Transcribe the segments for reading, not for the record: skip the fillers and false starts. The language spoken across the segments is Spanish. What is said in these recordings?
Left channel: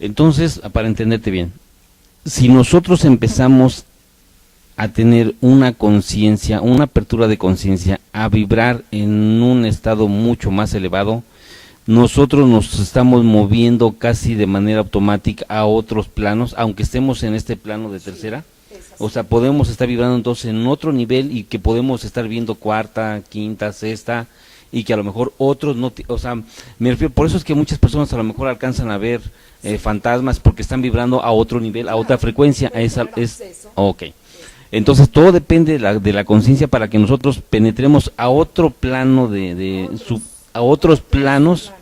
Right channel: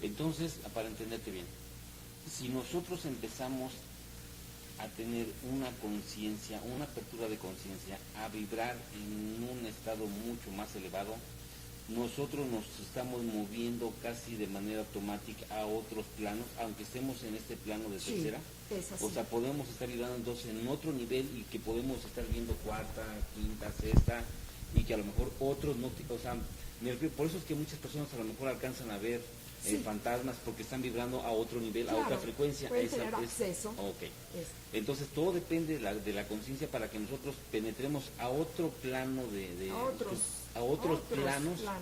Entonces, para entenderte bien, si nosotros empezamos a tener una conciencia, una apertura de conciencia, a vibrar en un estado mucho más elevado, nosotros nos estamos moviendo casi de manera automática a otros planos, aunque estemos en este plano de tercera. O sea, podemos estar vibrando entonces en otro nivel y que podemos estar viendo cuarta, quinta, sexta, y que a lo mejor otros no, o sea, me refiero, por eso es que muchas personas a lo mejor alcanzan a ver fantasmas porque están vibrando a otro nivel, a otra frecuencia, ok. Entonces todo depende de la conciencia para que nosotros penetremos a otro plano a otros planos,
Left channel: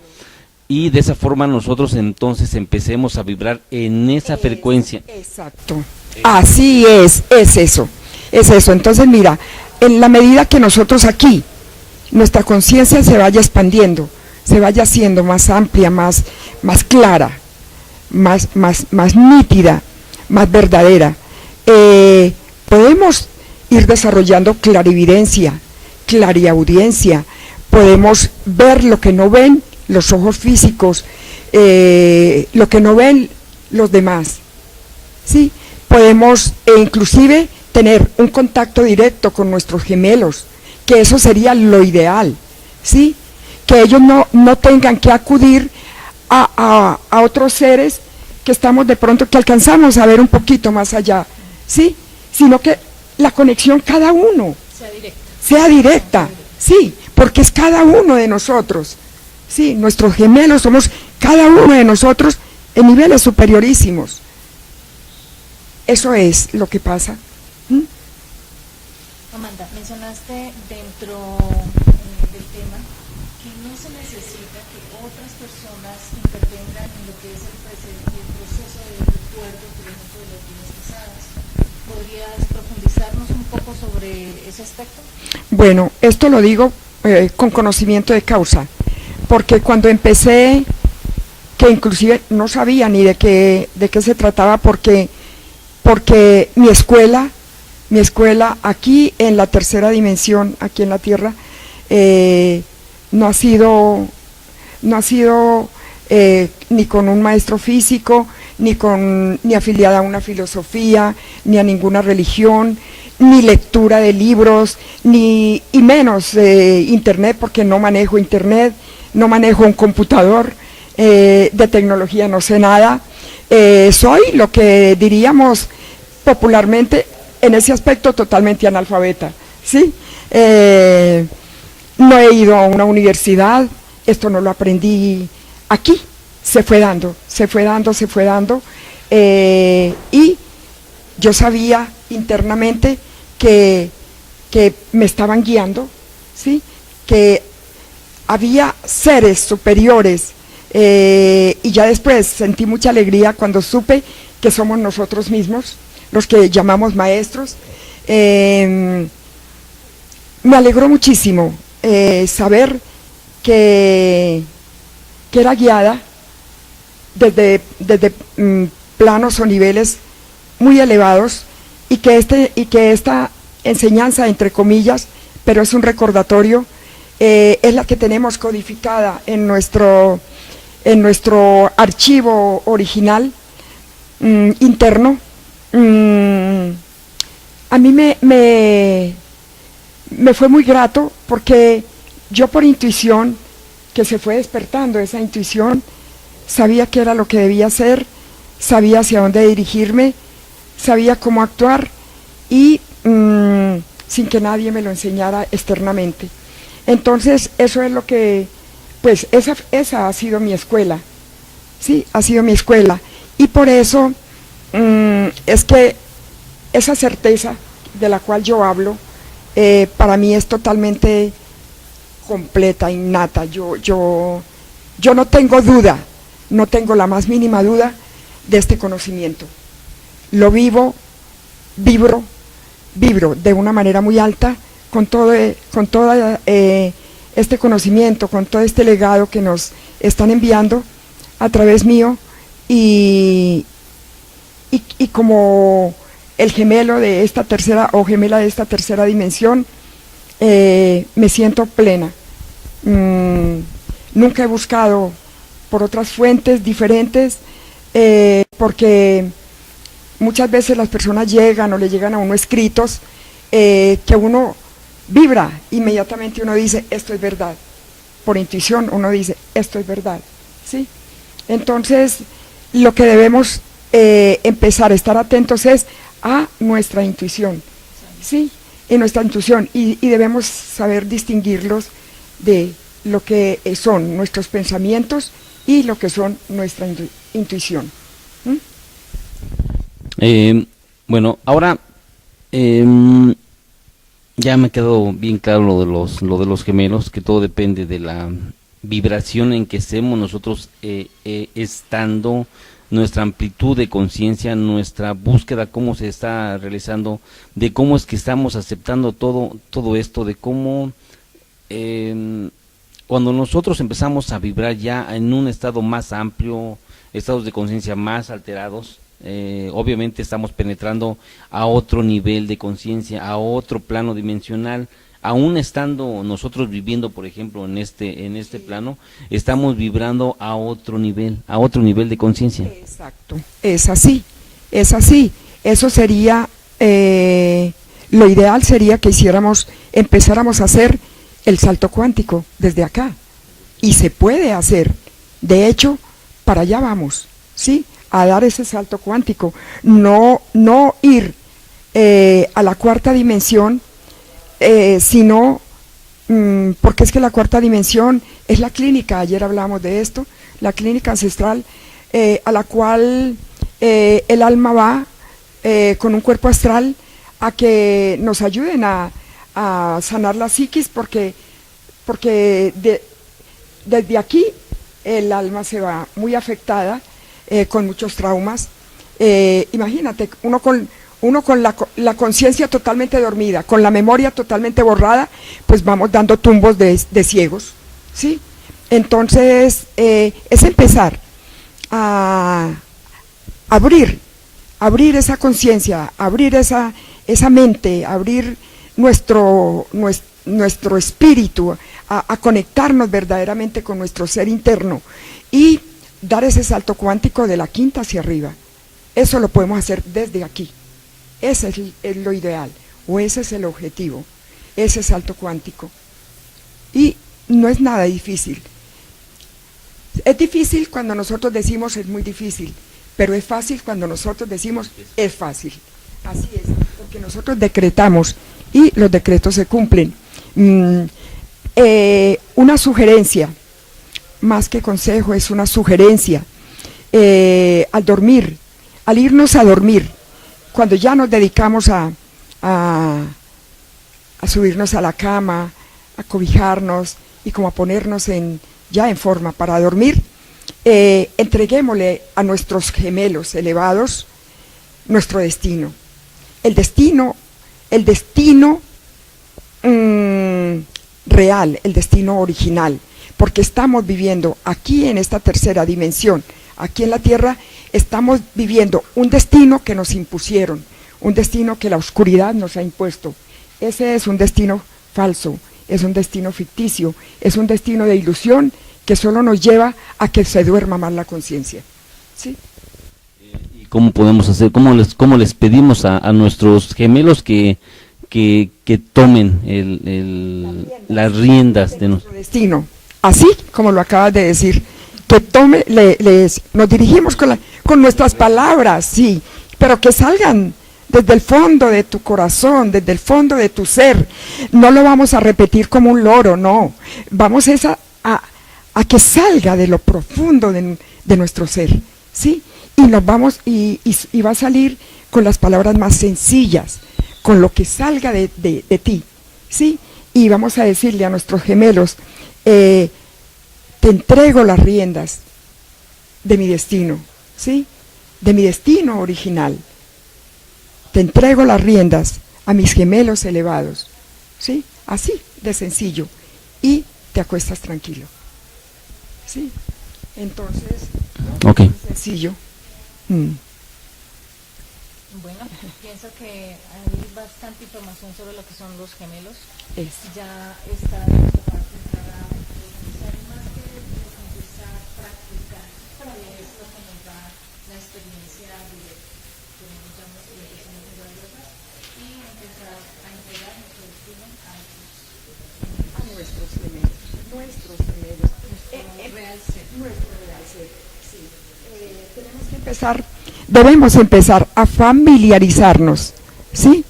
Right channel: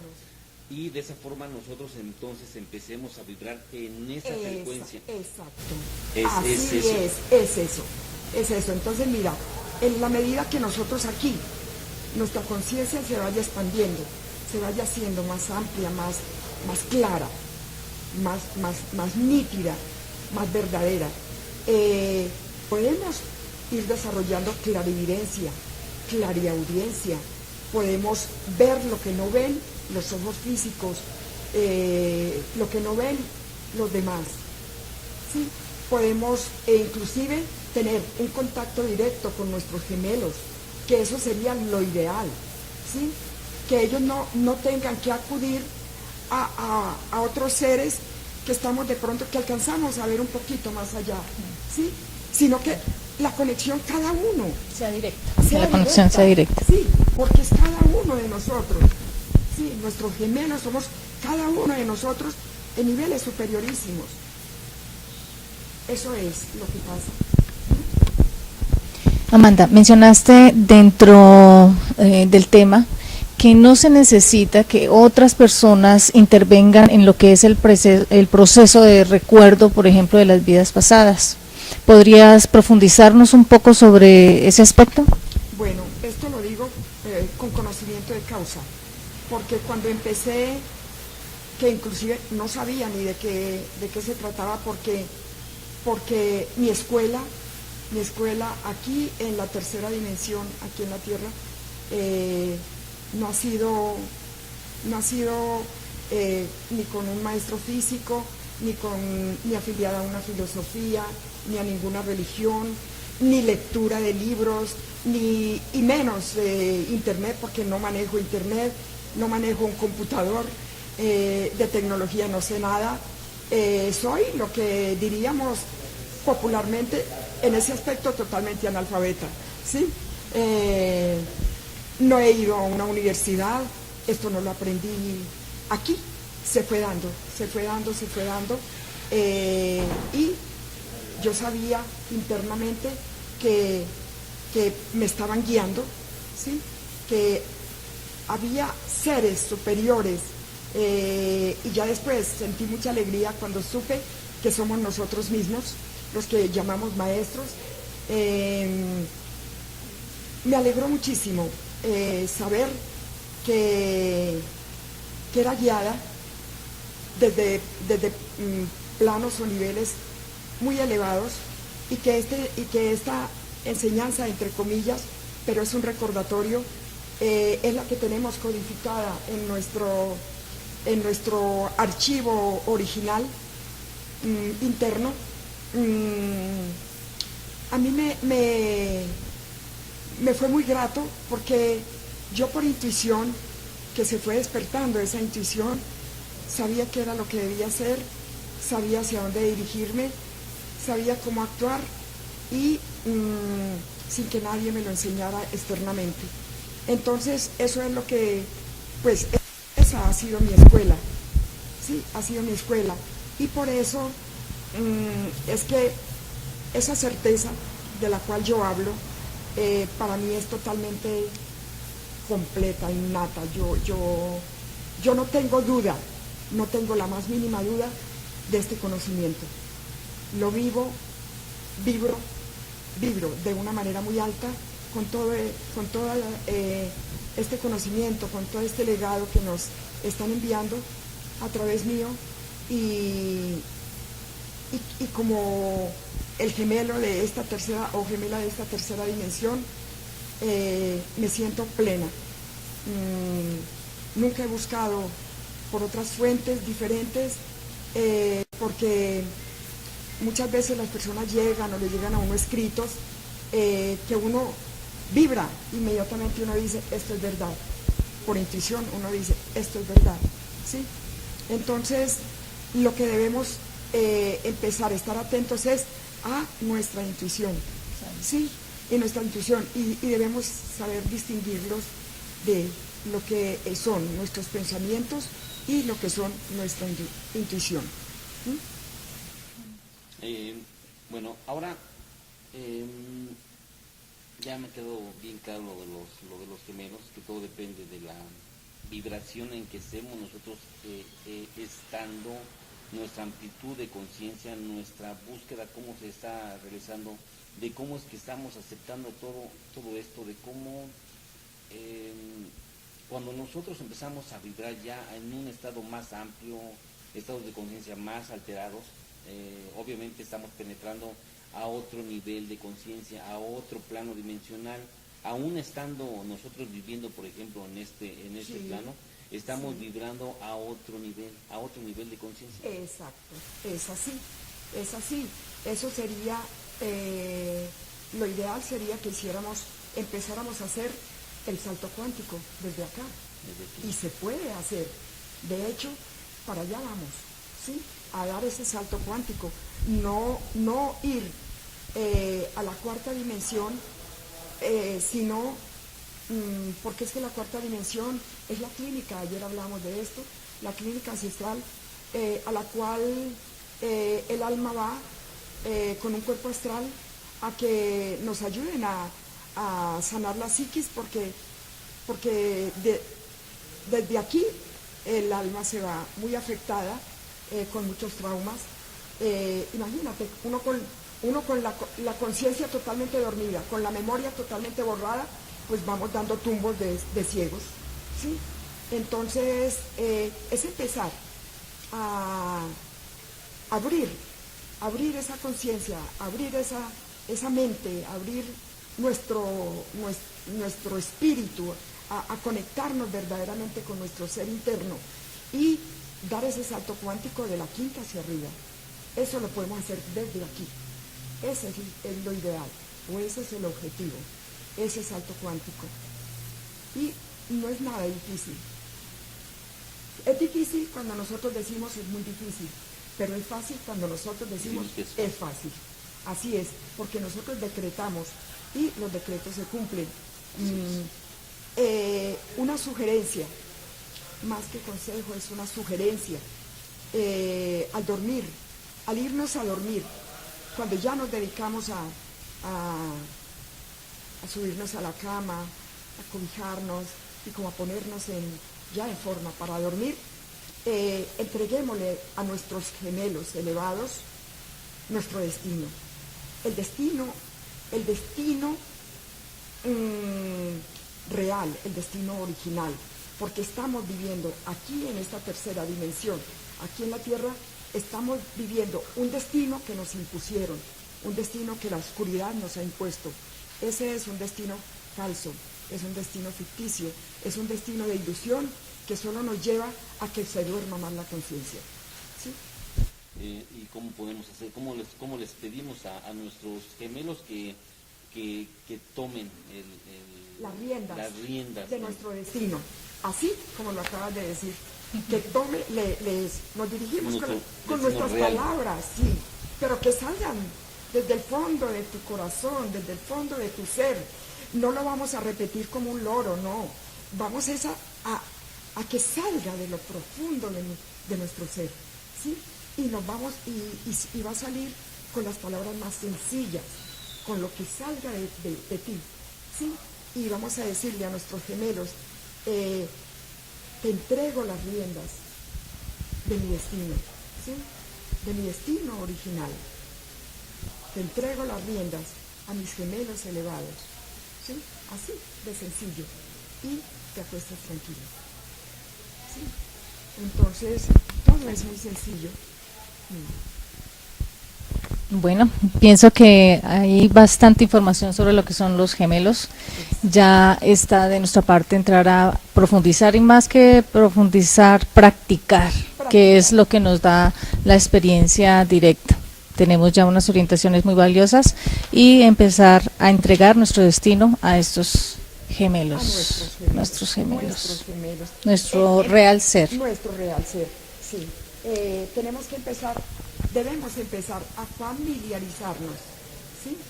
y de esa forma nosotros entonces empecemos a vibrar en esa frecuencia. Exacto. Así es eso. Es eso. Entonces mira, en la medida que nosotros aquí, nuestra conciencia se vaya expandiendo, se vaya haciendo más amplia, más clara, más nítida, más verdadera, podemos ir desarrollando clarividencia, clariaudiencia, podemos ver lo que no ven los ojos físicos, lo que no ven los demás, ¿sí? Podemos inclusive tener un contacto directo con nuestros gemelos, que eso sería lo ideal, ¿sí? Que ellos no tengan que acudir a otros seres que estamos de pronto, que alcanzamos a ver un poquito más allá, ¿sí? Sino que la conexión cada uno sea directa, sí, porque es cada uno de nosotros, sí, nuestros gemelos somos cada uno de nosotros en niveles superiorísimos. Eso es lo que pasa. Amanda, mencionaste dentro del tema que no se necesita que otras personas intervengan en lo que es el proceso de recuerdo, por ejemplo, de las vidas pasadas. ¿Podrías profundizarnos un poco sobre ese aspecto? Bueno, esto lo digo con conocimiento de causa, porque cuando empecé, que inclusive no sabía ni de qué se trataba, porque mi escuela aquí en la tercera dimensión, aquí en la Tierra, no ha sido ni con un maestro físico, ni afiliada a una filosofía, ni a ninguna religión, ni lectura de libros, y menos internet, porque no manejo internet, no manejo un computador, de tecnología no sé nada. Soy lo que diríamos popularmente en ese aspecto totalmente analfabeta, ¿sí? No he ido a una universidad, esto no lo aprendí aquí, se fue dando, y yo sabía internamente que me estaban guiando, ¿sí? Que había seres superiores, y ya después sentí mucha alegría cuando supe que somos nosotros mismos los que llamamos maestros. Me alegró muchísimo saber que era guiada desde planos o niveles muy elevados, y que esta enseñanza, entre comillas, pero es un recordatorio, es la que tenemos codificada en nuestro archivo original interno. A mí me fue muy grato, porque yo, por intuición, que se fue despertando esa intuición, sabía qué era lo que debía hacer, sabía hacia dónde dirigirme, sabía cómo actuar, y sin que nadie me lo enseñara externamente. Entonces eso es lo que, pues esa ha sido mi escuela, sí, ha sido mi escuela, y por eso es que esa certeza de la cual yo hablo, para mí es totalmente completa, innata. Yo no tengo duda, no tengo la más mínima duda de este conocimiento. Lo vibro de una manera muy alta con todo este conocimiento, con todo este legado que nos están enviando a través mío, y como el gemelo de esta tercera, o gemela de esta tercera dimensión, me siento plena. Nunca he buscado por otras fuentes diferentes porque muchas veces las personas llegan o le llegan a uno escritos que uno vibra, inmediatamente uno dice, esto es verdad. Por intuición uno dice, esto es verdad, ¿sí? Entonces, lo que debemos empezar a estar atentos es a nuestra intuición, ¿sí? En nuestra intuición, y debemos saber distinguirlos de lo que son nuestros pensamientos y lo que son nuestra intuición. Bueno, ahora ya me quedó bien claro lo de los gemelos, que todo depende de la vibración en que estemos nosotros estando, nuestra amplitud de conciencia, nuestra búsqueda, cómo se está realizando, de cómo es que estamos aceptando todo esto, de cómo cuando nosotros empezamos a vibrar ya en un estado más amplio, estados de conciencia más alterados, obviamente estamos penetrando a otro nivel de conciencia, a otro plano dimensional. Aún estando nosotros viviendo, por ejemplo, en este plano, estamos vibrando a otro nivel de conciencia. Exacto, es así. Eso sería, lo ideal sería que empezáramos a hacer el salto cuántico desde acá. Y se puede hacer. De hecho, para allá vamos, ¿sí? A dar ese salto cuántico. No ir a la cuarta dimensión, sino porque es que la cuarta dimensión es la clínica, ayer hablábamos de esto, la clínica ancestral a la cual el alma va con un cuerpo astral a que nos ayuden a sanar la psiquis, porque desde aquí el alma se va muy afectada, con muchos traumas. Imagínate, uno con la conciencia totalmente dormida, con la memoria totalmente borrada, pues vamos dando tumbos de ciegos, ¿sí? Entonces, es empezar a abrir esa conciencia, abrir esa mente, abrir nuestro espíritu, a conectarnos verdaderamente con nuestro ser interno y dar ese salto cuántico de la quinta hacia arriba. Eso lo podemos hacer desde aquí. Ese es lo ideal, o ese es el objetivo, ese salto cuántico. Y no es nada difícil. Es difícil cuando nosotros decimos es muy difícil, pero es fácil cuando nosotros decimos es fácil. Así es, porque nosotros decretamos y los decretos se cumplen. Una sugerencia, más que consejo, es una sugerencia. Al dormir, al irnos a dormir, cuando ya nos dedicamos a subirnos a la cama, a cobijarnos y como a ponernos ya en forma para dormir, entreguémosle a nuestros gemelos elevados nuestro destino. El destino real, el destino original, porque estamos viviendo aquí en esta tercera dimensión, aquí en la Tierra, estamos viviendo un destino que nos impusieron, un destino que la oscuridad nos ha impuesto. Ese es un destino falso, es un destino ficticio, es un destino de ilusión que solo nos lleva a que se duerma más la conciencia. ¿Sí? ¿Y cómo podemos hacer, cómo les pedimos a nuestros gemelos que tomen las riendas de nuestro destino? Así como lo acabas de decir, que nos dirigimos con nuestras palabras, sí, pero que salgan desde el fondo de tu corazón, desde el fondo de tu ser. No lo vamos a repetir como un loro, no. Vamos a que salga de lo profundo de nuestro ser, ¿sí? Y nos vamos, y va a salir con las palabras más sencillas, con lo que salga de ti, ¿sí? Y vamos a decirle a nuestros gemelos, te entrego las riendas de mi destino, ¿sí? De mi destino original. Te entrego las riendas a mis gemelos elevados, ¿sí? Así de sencillo. Y te acuestas tranquilo, ¿sí? Entonces, todo es muy sencillo. Bueno, pienso que hay bastante información sobre lo que son los gemelos. Ya está de nuestra parte entrar a profundizar, y más que profundizar, practicar, que es lo que nos da la experiencia directa. Tenemos ya unas orientaciones muy valiosas y empezar a entregar nuestro destino a estos gemelos, nuestros gemelos, nuestro real ser. Nuestro real ser, sí. Debemos empezar a familiarizarnos, ¿sí?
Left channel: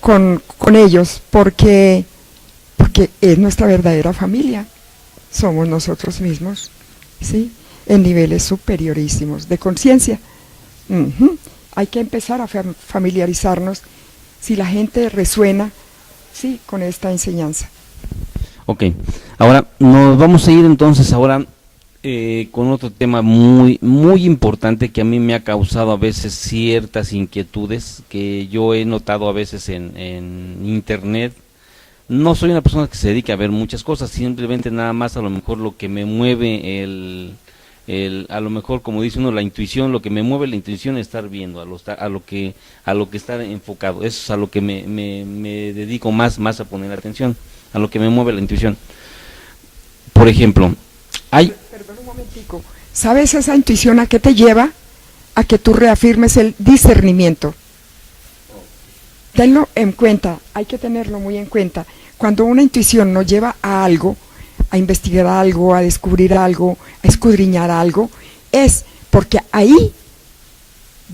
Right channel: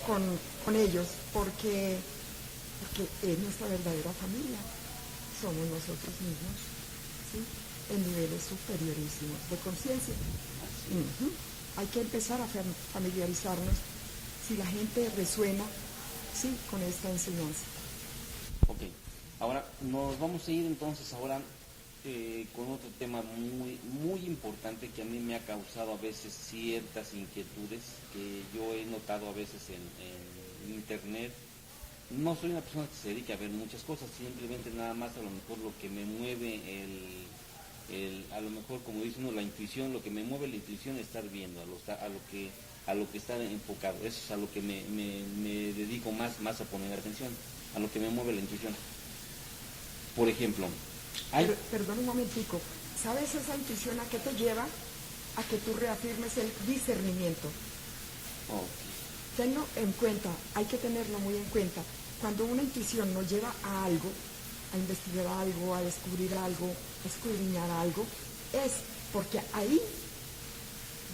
Con ellos, porque es nuestra verdadera familia, somos nosotros mismos, ¿sí? En niveles superiorísimos de conciencia. Hay que empezar a familiarizarnos si la gente resuena, ¿sí?, con esta enseñanza. Ok, ahora nos vamos a ir entonces ahora con otro tema muy importante que a mí me ha causado a veces ciertas inquietudes que yo he notado a veces en internet. No soy una persona que se dedica a ver muchas cosas, simplemente nada más a lo mejor lo que me mueve a lo mejor, como dice uno, la intuición, lo que me mueve la intuición es estar viendo, a lo que está enfocado. Eso es a lo que me dedico más a poner atención, a lo que me mueve la intuición. Por ejemplo, Perdón un momentico. ¿Sabes esa intuición a qué te lleva? A que tú reafirmes el discernimiento. Tenlo en cuenta, hay que tenerlo muy en cuenta. Cuando una intuición nos lleva a algo, a investigar algo, a descubrir algo, a escudriñar algo, es porque ahí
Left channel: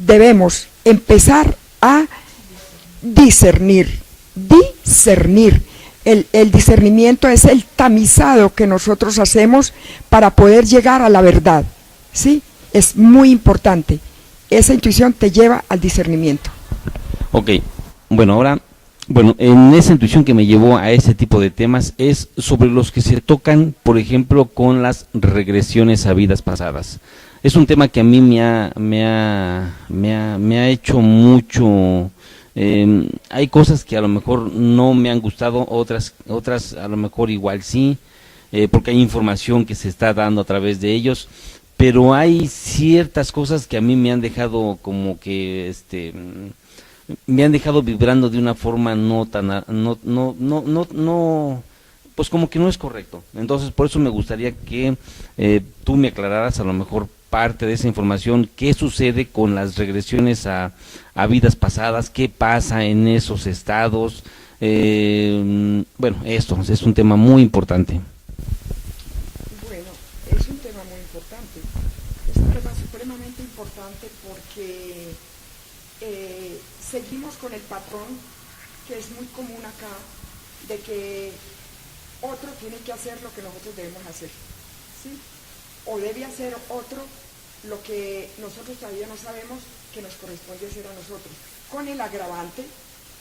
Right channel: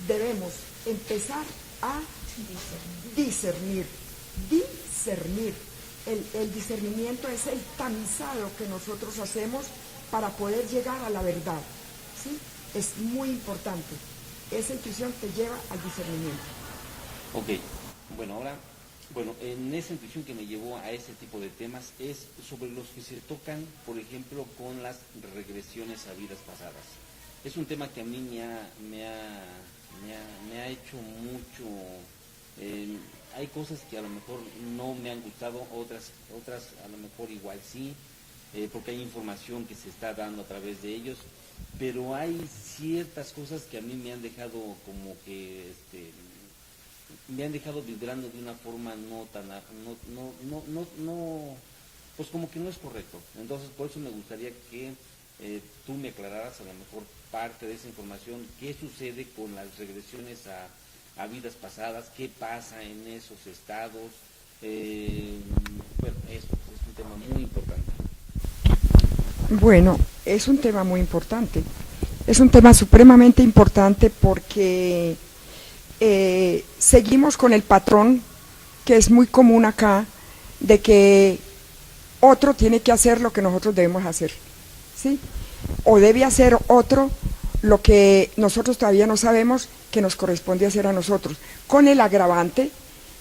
debemos empezar a discernir. El discernimiento es el tamizado que nosotros hacemos para poder llegar a la verdad, ¿sí? Es muy importante. Esa intuición te lleva al discernimiento. Ok, en esa intuición que me llevó a ese tipo de temas es sobre los que se tocan, por ejemplo, con las regresiones a vidas pasadas. Es un tema que a mí me ha hecho mucho. Hay cosas que a lo mejor no me han gustado, otras a lo mejor igual sí, porque hay información que se está dando a través de ellos, pero hay ciertas cosas que a mí me han dejado como que me han dejado vibrando de una forma pues como que no es correcto. Entonces por eso me gustaría que tú me aclararas a lo mejor parte de esa información, qué sucede con las regresiones a vidas pasadas, qué pasa en esos estados. Esto es un tema muy importante. Bueno, es un tema muy importante, es un tema supremamente importante porque seguimos con el patrón que es muy común acá, de que otro tiene que hacer lo que nosotros debemos hacer, ¿sí? O debe hacer otro lo que nosotros todavía no sabemos que nos corresponde hacer a nosotros, con el agravante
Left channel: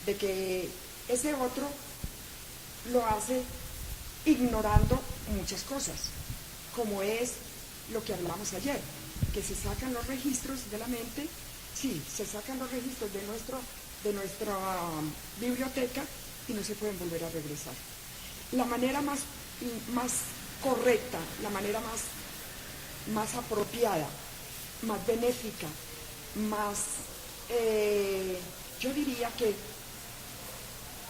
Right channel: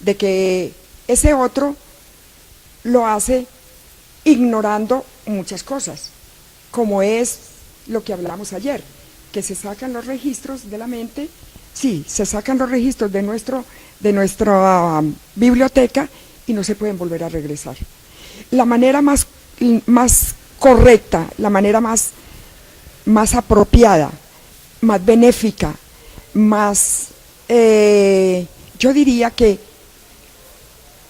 de que ese otro lo hace ignorando muchas cosas, como es lo que hablamos ayer, que se sacan los registros de la mente. Sí, se sacan los registros de nuestra biblioteca y no se pueden volver a regresar. La manera más correcta, la manera más apropiada, más benéfica, yo diría que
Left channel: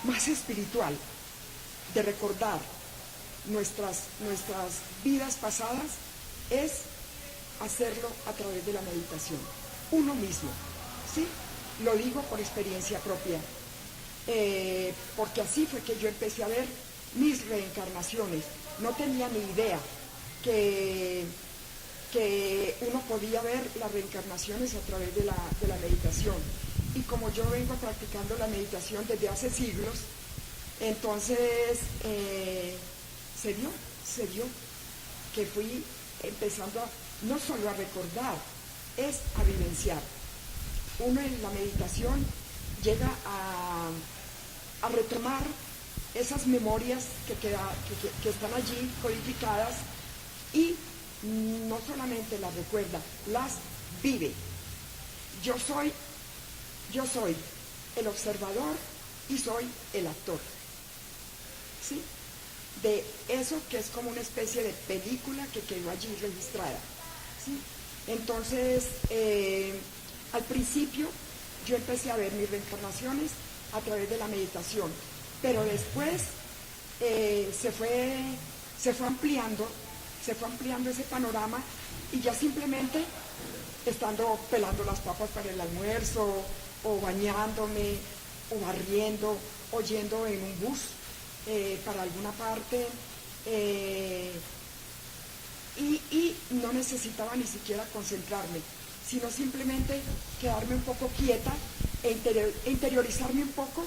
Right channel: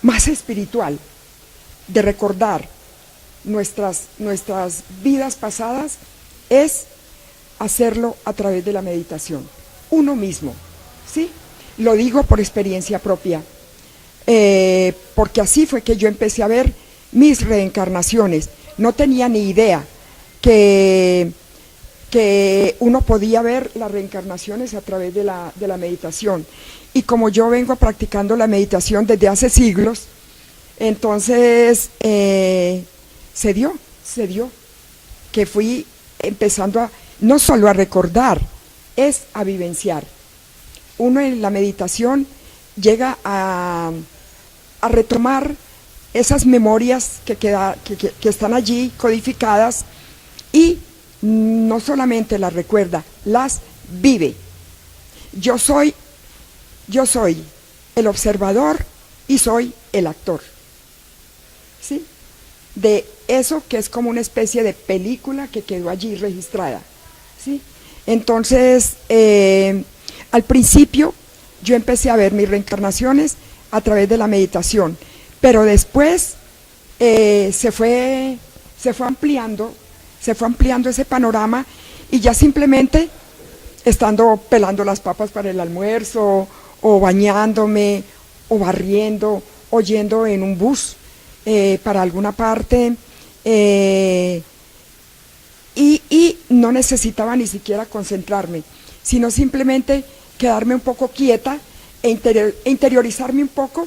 más espiritual, de recordar nuestras vidas pasadas, es hacerlo a través de la meditación, uno mismo, ¿sí? Lo digo por experiencia propia, porque así fue que yo empecé a ver mis reencarnaciones. No tenía ni idea que uno podía ver las reencarnaciones a través de la meditación. Y como yo vengo practicando la meditación desde hace siglos, entonces se dio que fui empezando no solo a recordar, es a vivenciar. Uno en la meditación llega a retomar esas memorias que están allí codificadas, y no solamente las recuerda, las vive. Yo soy el observador y soy el actor, ¿sí? De eso que es como una especie de película que quedó allí registrada, ¿sí? Entonces, al principio yo empecé a ver mis reencarnaciones a través de la meditación, pero después se fue ampliando ese panorama, y ya simplemente estando pelando las papas para el almuerzo, o bañándome, o barriendo, o yendo en un bus para alguna parte, y no necesitaba ni siquiera concentrarme, sino simplemente quedarme un poco quieta e interiorizarme un poco,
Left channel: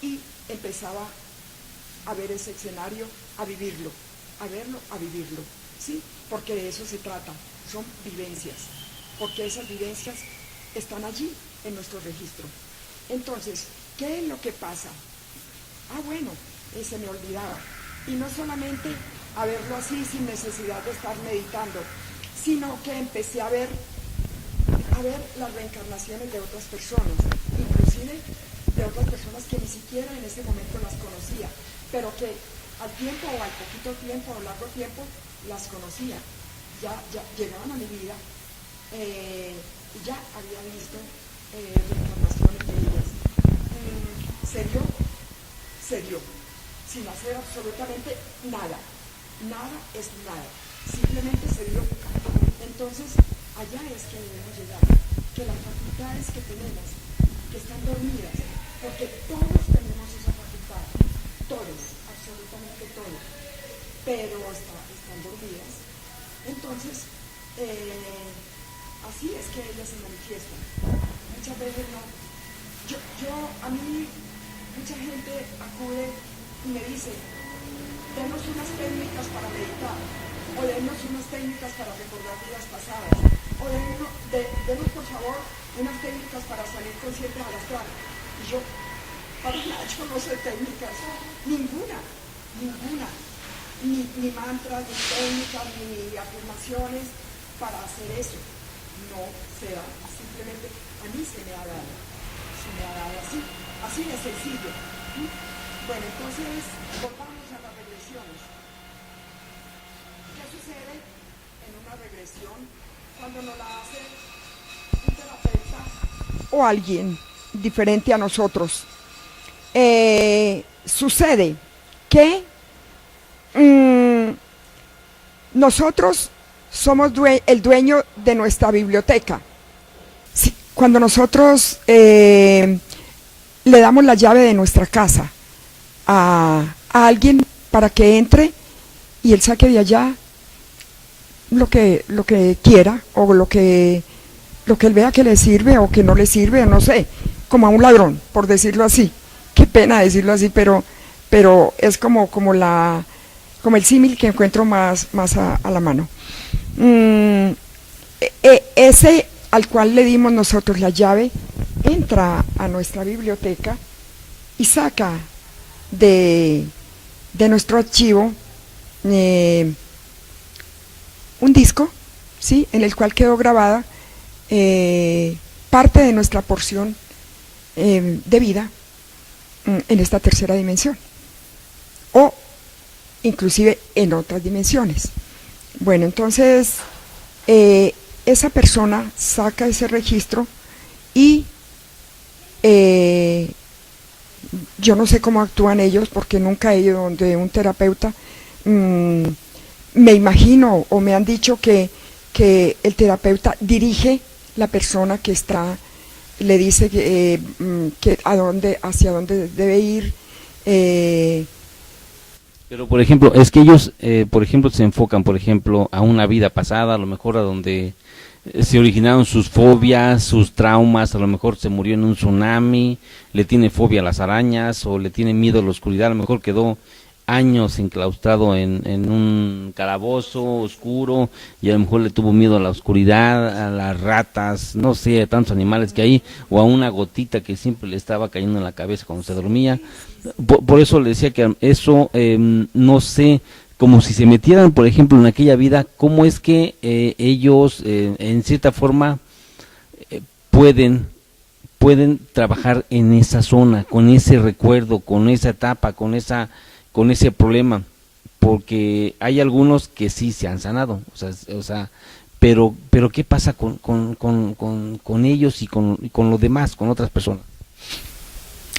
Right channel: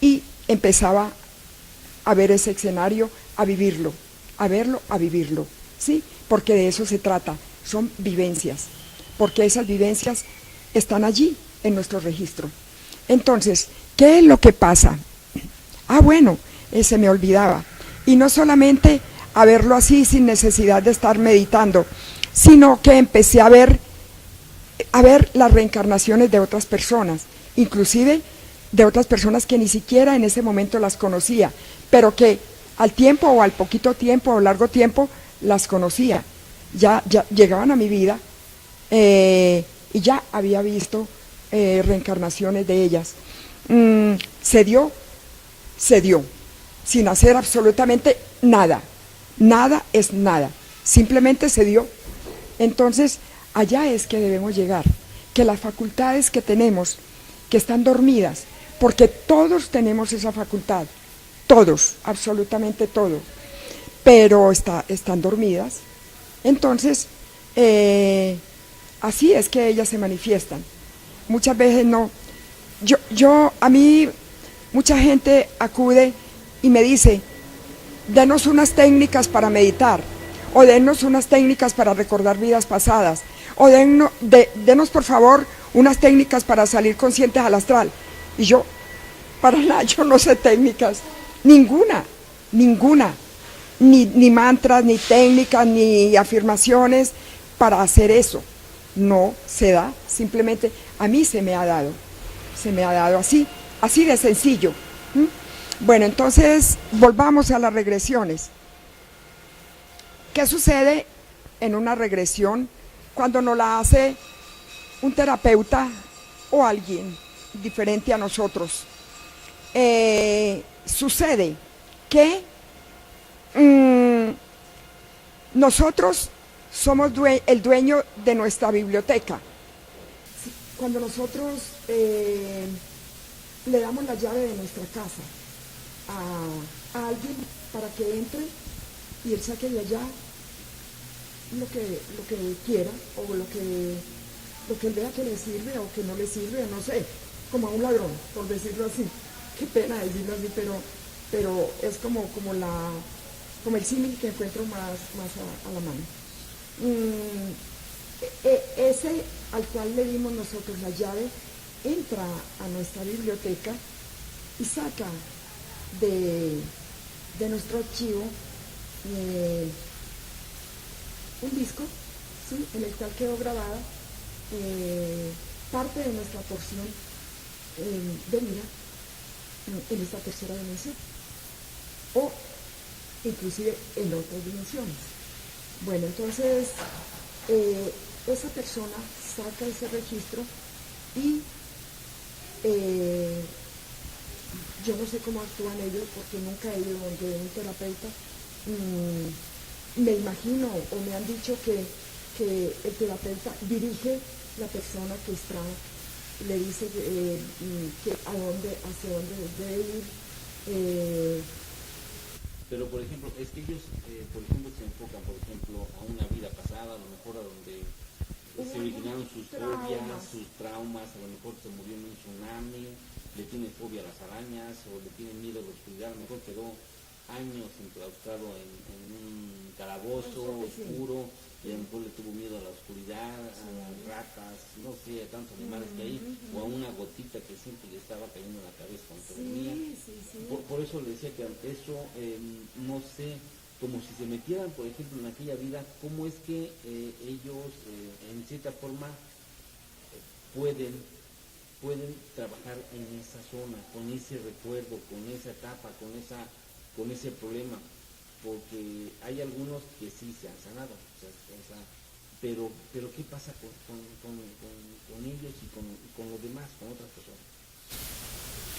y empezaba a ver ese escenario, a vivirlo, a verlo, a vivirlo, ¿sí? Porque de eso se trata, son vivencias, porque esas vivencias están allí en nuestro registro. Entonces, ¿qué es lo que pasa? Bueno, se me olvidaba. Y no solamente a verlo así sin necesidad de estar meditando, sino que empecé a ver las reencarnaciones de otras personas, inclusive de otras personas que ni siquiera en ese momento las conocía, pero que al tiempo o al poquito tiempo o largo tiempo las conocía, ya llegaban a mi vida, y ya había visto reencarnaciones de ellas. Se dio, sin hacer absolutamente nada. Nada es nada, simplemente se dio. Entonces, allá es que debemos llegar, que las facultades que tenemos, que están dormidas, porque todos tenemos esa facultad, todos, absolutamente todos, pero están dormidas. Entonces, así es que ellas se manifiestan. Muchas veces no. A mí, mucha gente acude y me dice, denos unas técnicas para meditar, o denos unas técnicas para recordar vidas pasadas, o denos por favor unas técnicas para salir conscientes al astral. Y yo, para nada, yo no sé técnicas, ninguna, ni mantras, ni técnicas, ni afirmaciones para hacer eso. No se da, simplemente a mí se me ha dado así de sencillo. Bueno, entonces volvamos a las regresiones. ¿Qué sucede en una regresión cuando nos la hace un terapeuta o alguien diferente a nosotros? Sucede que nosotros somos el dueño de nuestra biblioteca. Cuando nosotros le damos la llave de nuestra casa a alguien para que entre y él saque de allá lo que quiera, o lo que él vea que le sirve o que no le sirve, no sé, como a un ladrón, por decirlo así. Qué pena decirlo así, pero es como el símil que encuentro más a la mano. Ese al cual le dimos nosotros la llave entra a nuestra biblioteca y saca de nuestro archivo un disco, ¿sí?, en el cual quedó grabada parte de nuestra porción de vida en esta tercera dimensión, o inclusive en otras dimensiones. Bueno, entonces esa persona saca ese registro y yo no sé cómo actúan ellos, porque nunca he ido donde un terapeuta. Me imagino, o me han dicho que el terapeuta dirige la persona que está, le dice que hacia dónde debe ir. Pero por ejemplo, es que ellos, por ejemplo, se enfocan, por ejemplo, a una vida pasada, a lo mejor a donde se originaron sus fobias, sus traumas, a lo mejor se murió en un tsunami, le tiene fobia a las arañas, o le tiene miedo a la oscuridad, a lo mejor quedó años enclaustrado en un calabozo oscuro, y a lo mejor le tuvo miedo a la oscuridad, a las ratas, no sé, a tantos animales que hay, o a una gotita que siempre le estaba cayendo en la cabeza cuando se dormía. Por eso le decía que eso, no sé, como si se metieran, por ejemplo, en aquella vida, cómo es que ellos, en cierta forma, pueden trabajar en esa zona, con ese recuerdo, con esa etapa, con ese problema, porque hay algunos que sí se han sanado, o sea, pero ¿qué pasa con ellos y con los demás, con otras personas?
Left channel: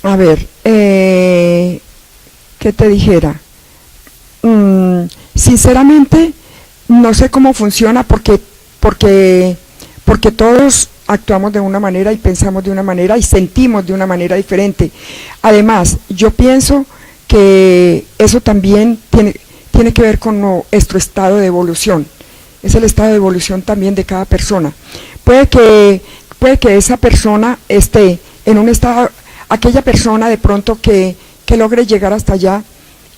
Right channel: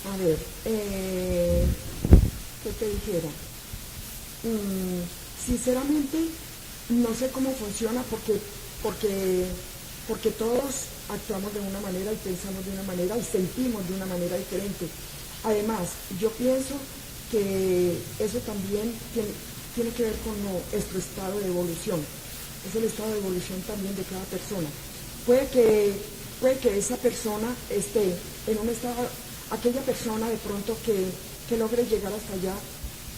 A ver, ¿qué te dijera? Sinceramente no sé cómo funciona, porque porque todos actuamos de una manera y pensamos de una manera y sentimos de una manera diferente. Además, yo pienso que eso también tiene que ver con nuestro estado de evolución, es el estado de evolución también de cada persona. Puede que esa persona esté en un estado, aquella persona de pronto que logre llegar hasta allá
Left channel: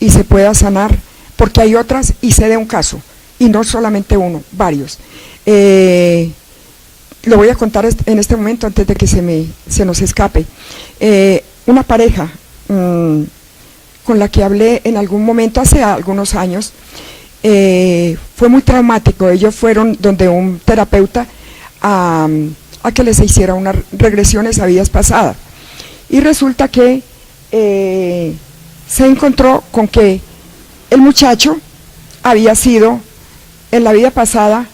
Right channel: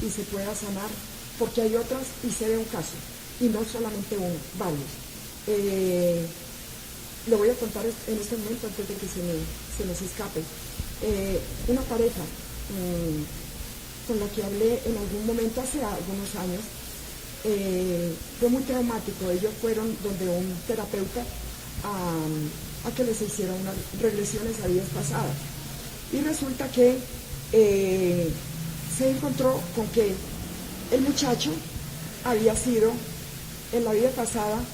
y se pueda sanar, porque hay otras, y sé de un caso, y no solamente uno, varios. Lo voy a contar en este momento antes de que se nos escape. Una pareja con la que hablé en algún momento hace algunos años, fue muy traumático. Ellos fueron donde un terapeuta a que les hiciera unas regresiones a vidas pasadas, y resulta que se encontró con que el muchacho había sido en la vida pasada,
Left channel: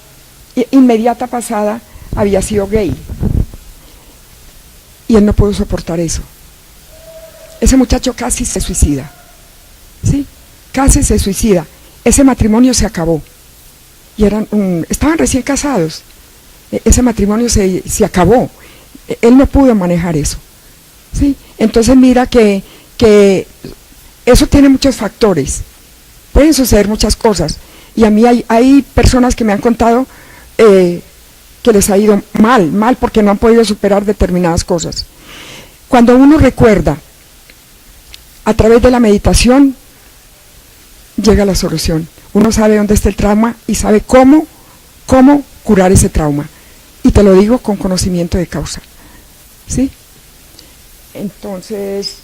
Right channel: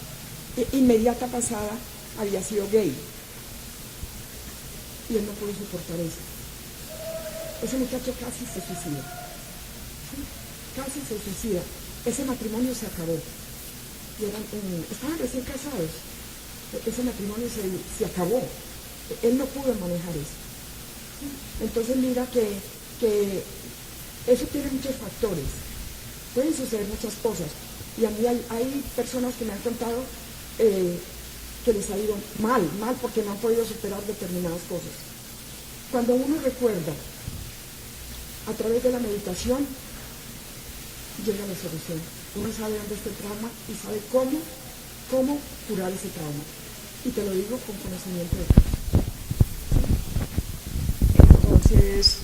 inmediata pasada, había sido gay, y él no pudo soportar eso. Ese muchacho casi se suicida, ¿sí? Casi se suicida. Ese matrimonio se acabó, y estaban recién casados. Ese matrimonio se acabó. Él no pudo manejar eso, ¿sí? Entonces mira que eso tiene muchos factores, pueden suceder muchas cosas, y a mí hay personas que me han contado que les ha ido mal porque no han podido superar determinadas cosas. Cuando uno recuerda a través de la meditación, llega la solución. Uno sabe dónde está el trauma y sabe cómo curar ese trauma, y te lo digo con conocimiento de causa, ¿sí? Entonces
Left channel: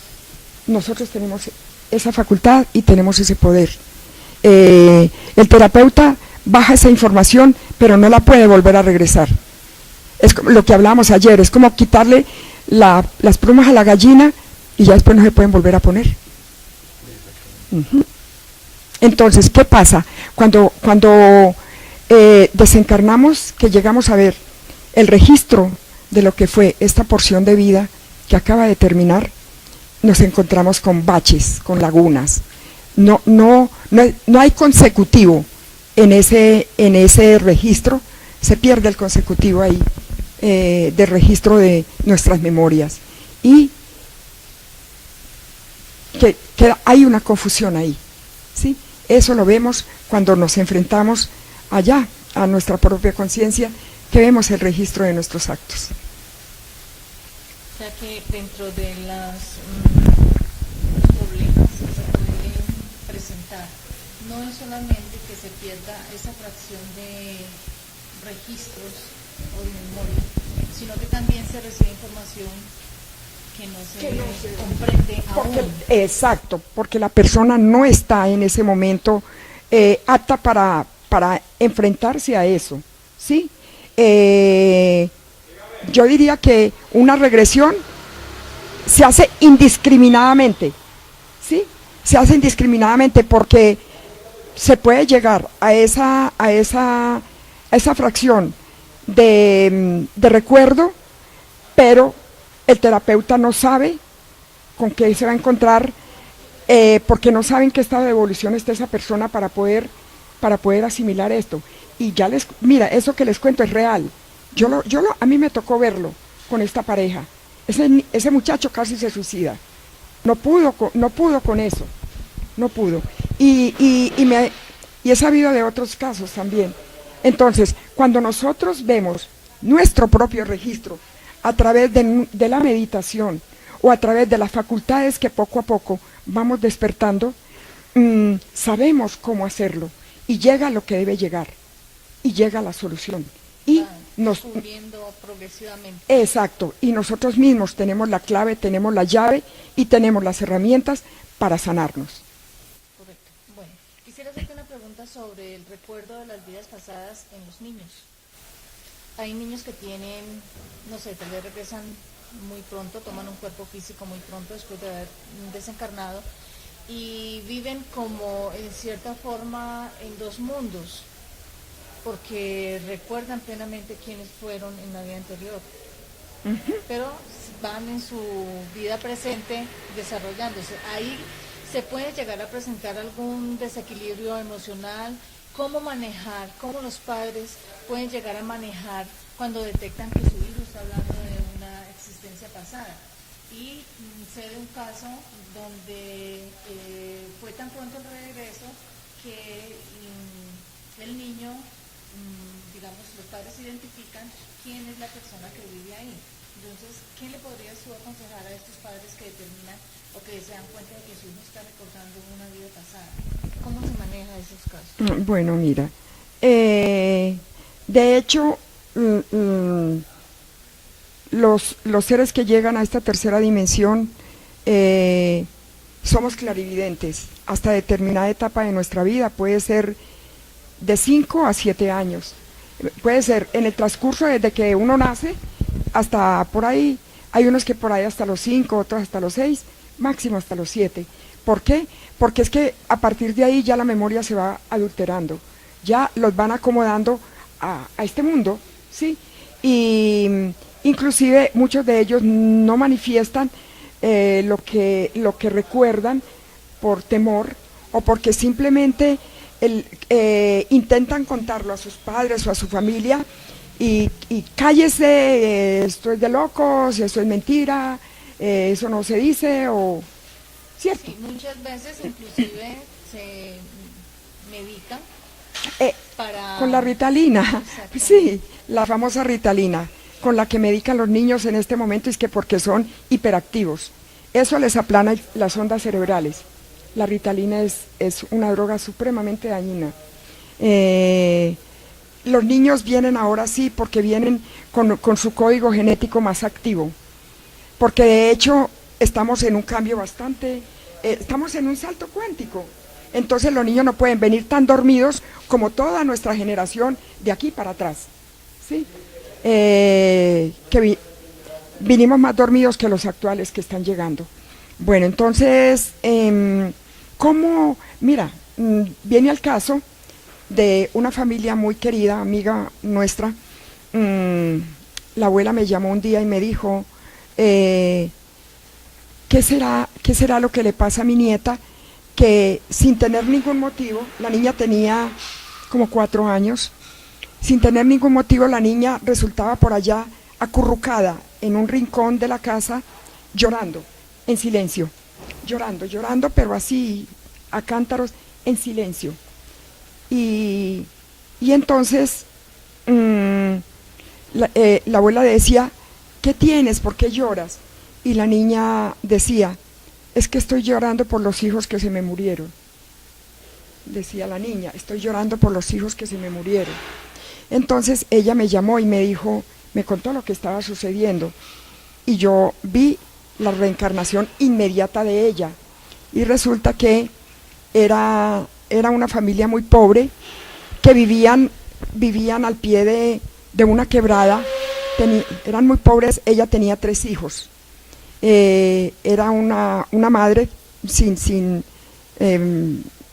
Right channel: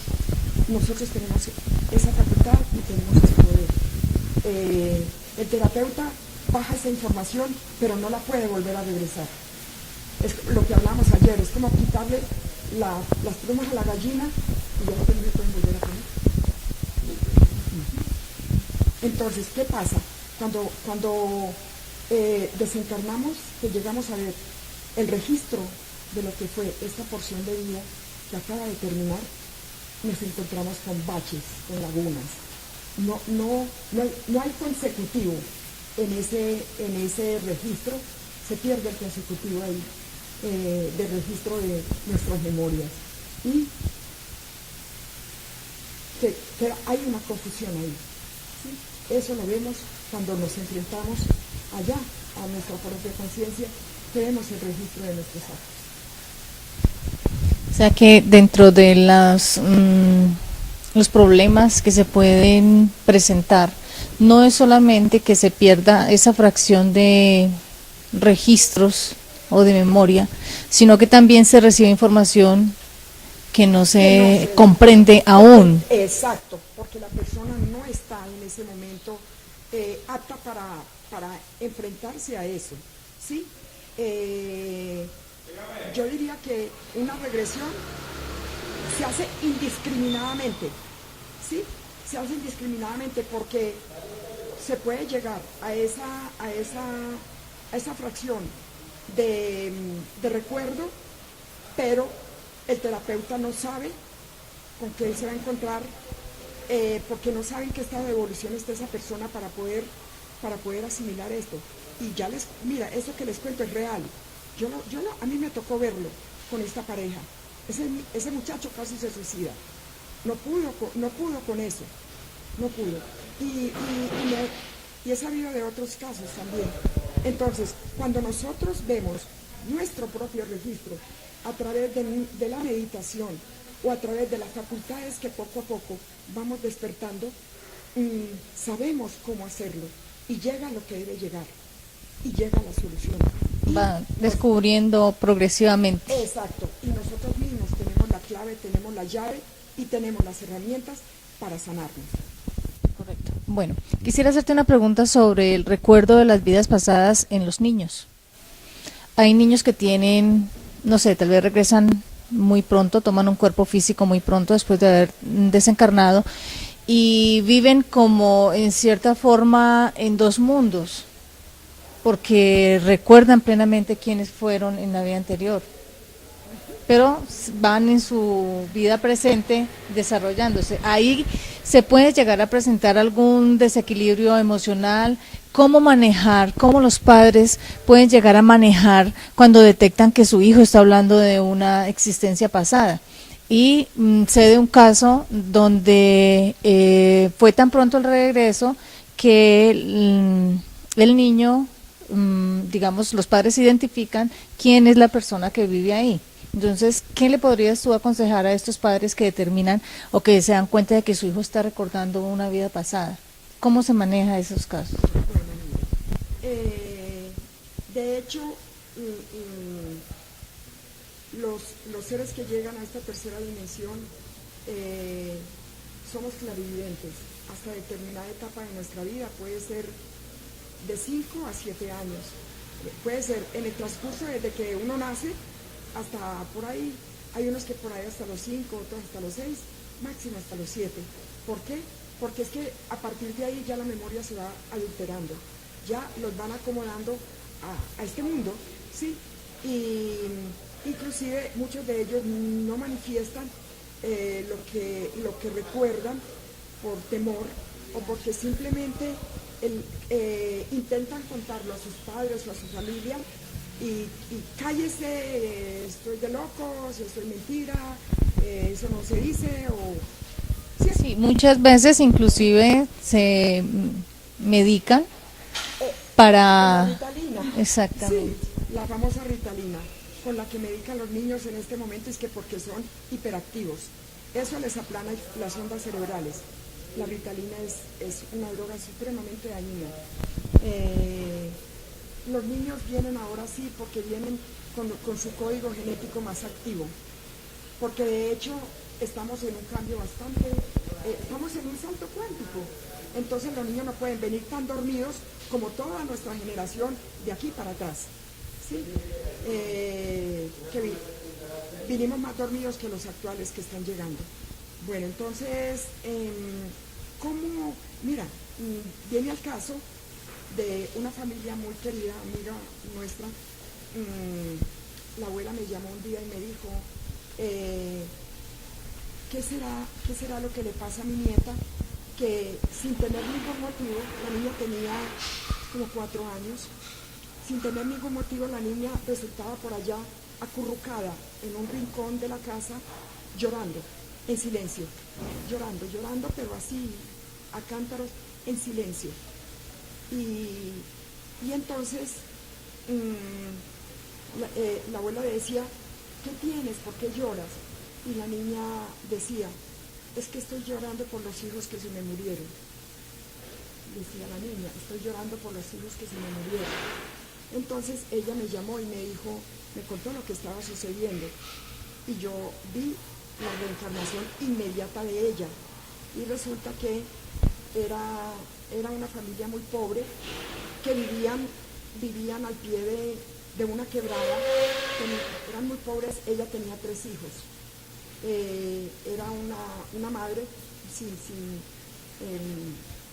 nosotros tenemos esa facultad y tenemos ese poder. El terapeuta baja esa información, pero no la puede volver a regresar. Es lo que hablábamos ayer, es como quitarle las plumas a la gallina y ya después no se pueden volver a poner. Entonces, ¿qué pasa? Cuando desencarnamos, que llegamos a ver el registro de lo que fue esta porción de vida que acaba de terminar, nos encontramos con baches, con lagunas. No hay consecutivo en ese registro, se pierde el consecutivo ahí, de registro de nuestras memorias, y que hay una confusión ahí, ¿sí? Eso lo vemos cuando nos enfrentamos allá a nuestra propia conciencia, que vemos el registro de nuestros actos. O sea que dentro de los problemas que se pueden presentar, no es solamente que se pierda esa fracción de registros o de memoria, sino que también se recibe información que no se comprende aún. Exacto, porque la persona no está en ese momento apta para enfrentarse a eso, ¿sí? Yo diría que una regresión se hace indiscriminadamente, ¿sí? Se hace indiscriminadamente porque se puede llegar a esa fracción de recuerdo, pero el terapeuta no sabe con qué se va a encontrar, porque no sabe en qué estado de evolución está esa persona para poder asimilar esto. Y ya mira, eso que les cuento es real. A mí me tocó verlo con esta pareja. Ese muchacho casi se suicida. No pudo con eso. No pudo. Y he sabido de otros casos también. Entonces, cuando nosotros vemos nuestro propio registro a través de la meditación o a través de las facultades que poco a poco vamos despertando, sabemos cómo hacerlo, y llega lo que debe llegar, y llega la solución. Y va descubriendo progresivamente. Exacto, y nosotros mismos tenemos la clave, tenemos la llave y tenemos las herramientas para sanarnos. Correcto. Bueno, quisiera hacerte una pregunta sobre el recuerdo de las vidas pasadas en los niños. Hay niños que tienen, no sé, tal vez regresan muy pronto, toman un cuerpo físico muy pronto después de haber desencarnado, y viven como en cierta forma en dos mundos, porque recuerdan plenamente quiénes fueron en la vida anterior, pero van en su vida presente desarrollándose. Ahí se puede llegar a presentar algún desequilibrio emocional cómo manejar, cómo los padres pueden llegar a manejar cuando detectan que su hijo está hablando de una existencia pasada. Y sé de un caso donde fue tan pronto el regreso que el niño, digamos, los padres identifican quién es la persona que vive ahí. Entonces, ¿qué le podrías tú aconsejar a estos padres que determinan o que se dan cuenta de que su hijo está recordando una vida pasada? ¿Cómo se maneja esos casos? Bueno, mira, de hecho, los seres que llegan a esta tercera dimensión somos clarividentes hasta determinada etapa de nuestra vida, puede ser de 5 a 7 años, puede ser en el transcurso desde que uno nace hasta por ahí, hay unos que por ahí hasta los 5, otros hasta los 6, máximo hasta los 7. ¿Por qué? Porque es que a partir de ahí ya la memoria se va adulterando, ya los van acomodando a este mundo, ¿sí? Y inclusive muchos de ellos no manifiestan lo que recuerdan por temor o porque simplemente intentan contarlo a sus padres o a su familia y cállese, esto es de locos, eso es mentira, eso no se dice o... Sí, muchas veces inclusive se medican para... Con la Ritalina, Exactamente. sí, la famosa Ritalina, con la que medican los niños en este momento, es que porque son hiperactivos. Eso les aplana las ondas cerebrales. La Ritalina es una droga supremamente dañina. Los niños vienen ahora sí porque vienen con su código genético más activo, porque de hecho estamos en un cambio bastante, estamos en un salto cuántico, entonces los niños no pueden venir tan dormidos como toda nuestra generación de aquí para atrás, ¿sí? Vinimos más dormidos que los actuales que están llegando. Bueno, entonces, ¿cómo? Mira, viene al caso de una familia muy querida, amiga nuestra. La abuela me llamó un día y me dijo, ¿qué será lo que le pasa a mi nieta? Que sin tener ningún motivo, la niña tenía como 4 años, sin tener ningún motivo la niña resultaba por allá acurrucada en un rincón de la casa, llorando, en silencio, llorando, pero así, a cántaros, en silencio. Y entonces la abuela decía, ¿qué tienes? ¿Por qué lloras? Y la niña decía, es que estoy llorando por los hijos que se me murieron. Decía la niña, estoy llorando por los hijos que se me murieron. Entonces ella me llamó y me dijo, me contó lo que estaba sucediendo. Y yo vi la reencarnación inmediata de ella. Y resulta que era una familia muy pobre que vivían al pie de una quebrada, eran muy pobres, ella tenía 3 hijos. Era una madre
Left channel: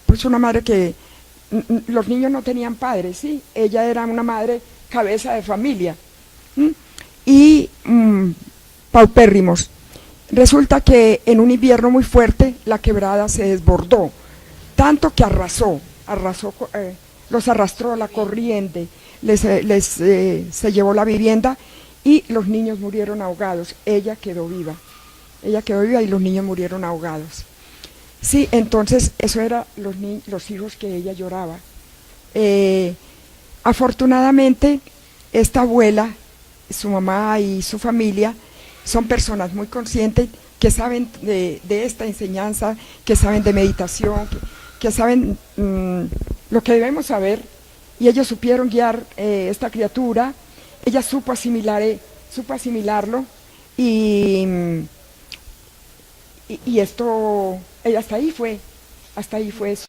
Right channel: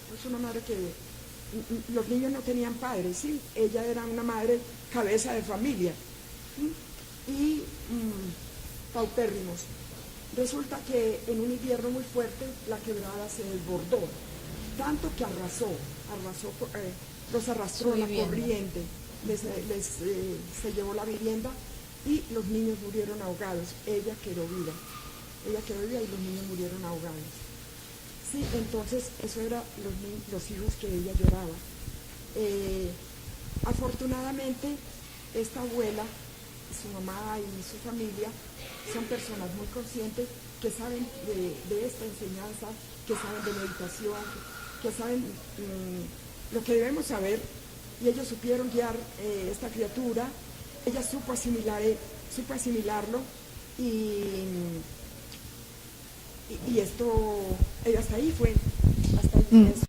pues una madre que los niños no tenían padres, ¿sí? Ella era una madre cabeza de familia, ¿sí? Y paupérrimos. Resulta que en un invierno muy fuerte la quebrada se desbordó, tanto que los arrastró la corriente, se llevó la vivienda y los niños murieron ahogados. Ella quedó viva y los niños murieron ahogados. Sí, entonces eso eran los hijos que ella lloraba. Afortunadamente, esta abuela, su mamá y su familia son personas muy conscientes que saben de esta enseñanza, que saben de meditación, que saben lo que debemos saber, y ellos supieron guiar esta criatura. Ella supo asimilarlo y esto, hasta ahí fue eso.